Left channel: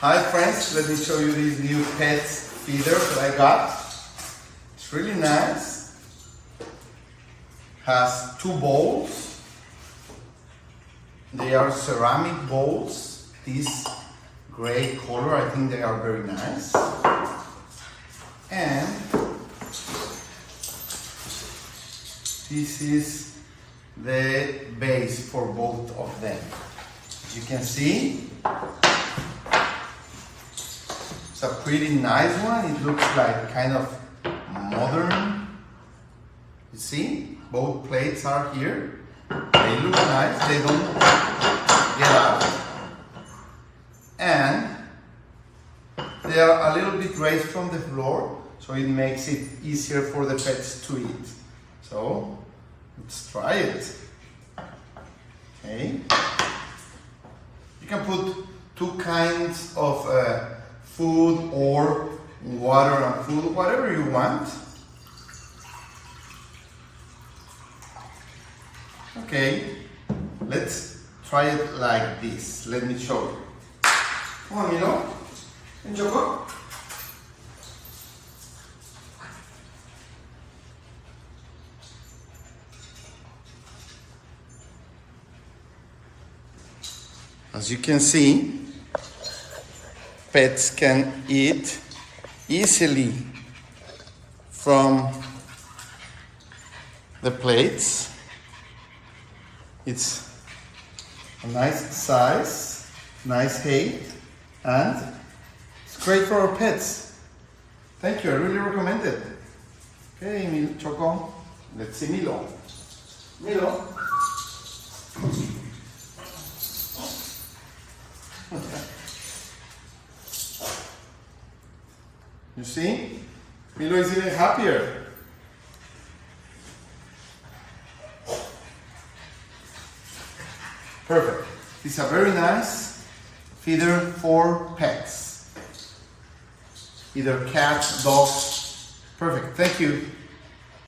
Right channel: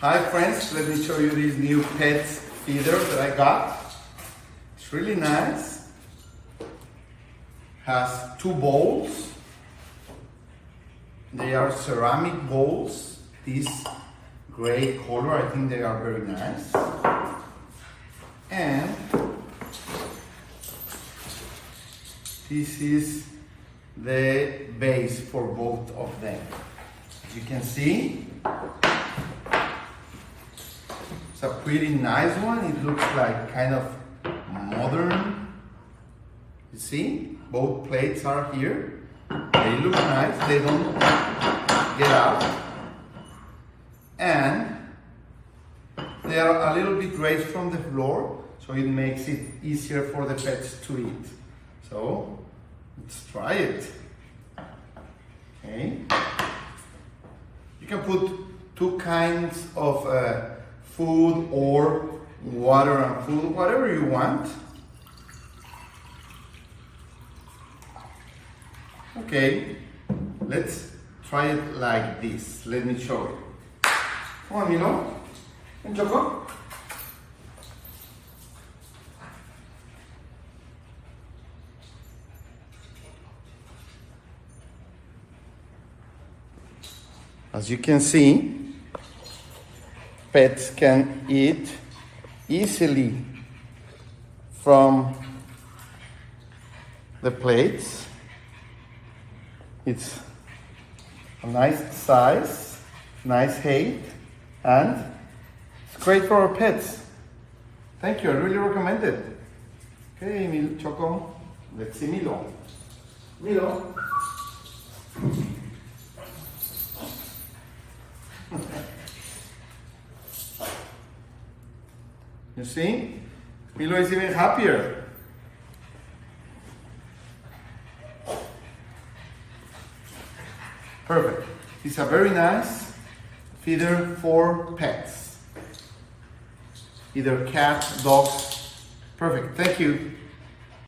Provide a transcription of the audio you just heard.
Hi friends, let me show you this new pet feeder that I got. It's really nice. Has two bowls. They are ceramic bowls. This gray color, I think they are very nice. And this is the base for both of them. As you can see, it's a pretty nice one. It looks like kind of modern. You see, both plates are here. They look nice. They don't get out. And they are a little bit raised from the floor, so it makes it easier for the pets to eat. So let's try it. Okay. You can put two kinds of food or water and food, whatever you want. Okay, let's try it like this. Let me show you. Come on, Milo. And Choco. As you can see, pets can eat easily from the plates. It's a nice size, nice height, and it's great for our pets. Thank you, I really recommend it. Okay, Choco, let's see Milo. Milo. You see? Milo is even happier. Perfect. It's a very nice feeder for pets. Either cats, dogs. Perfect. Thank you.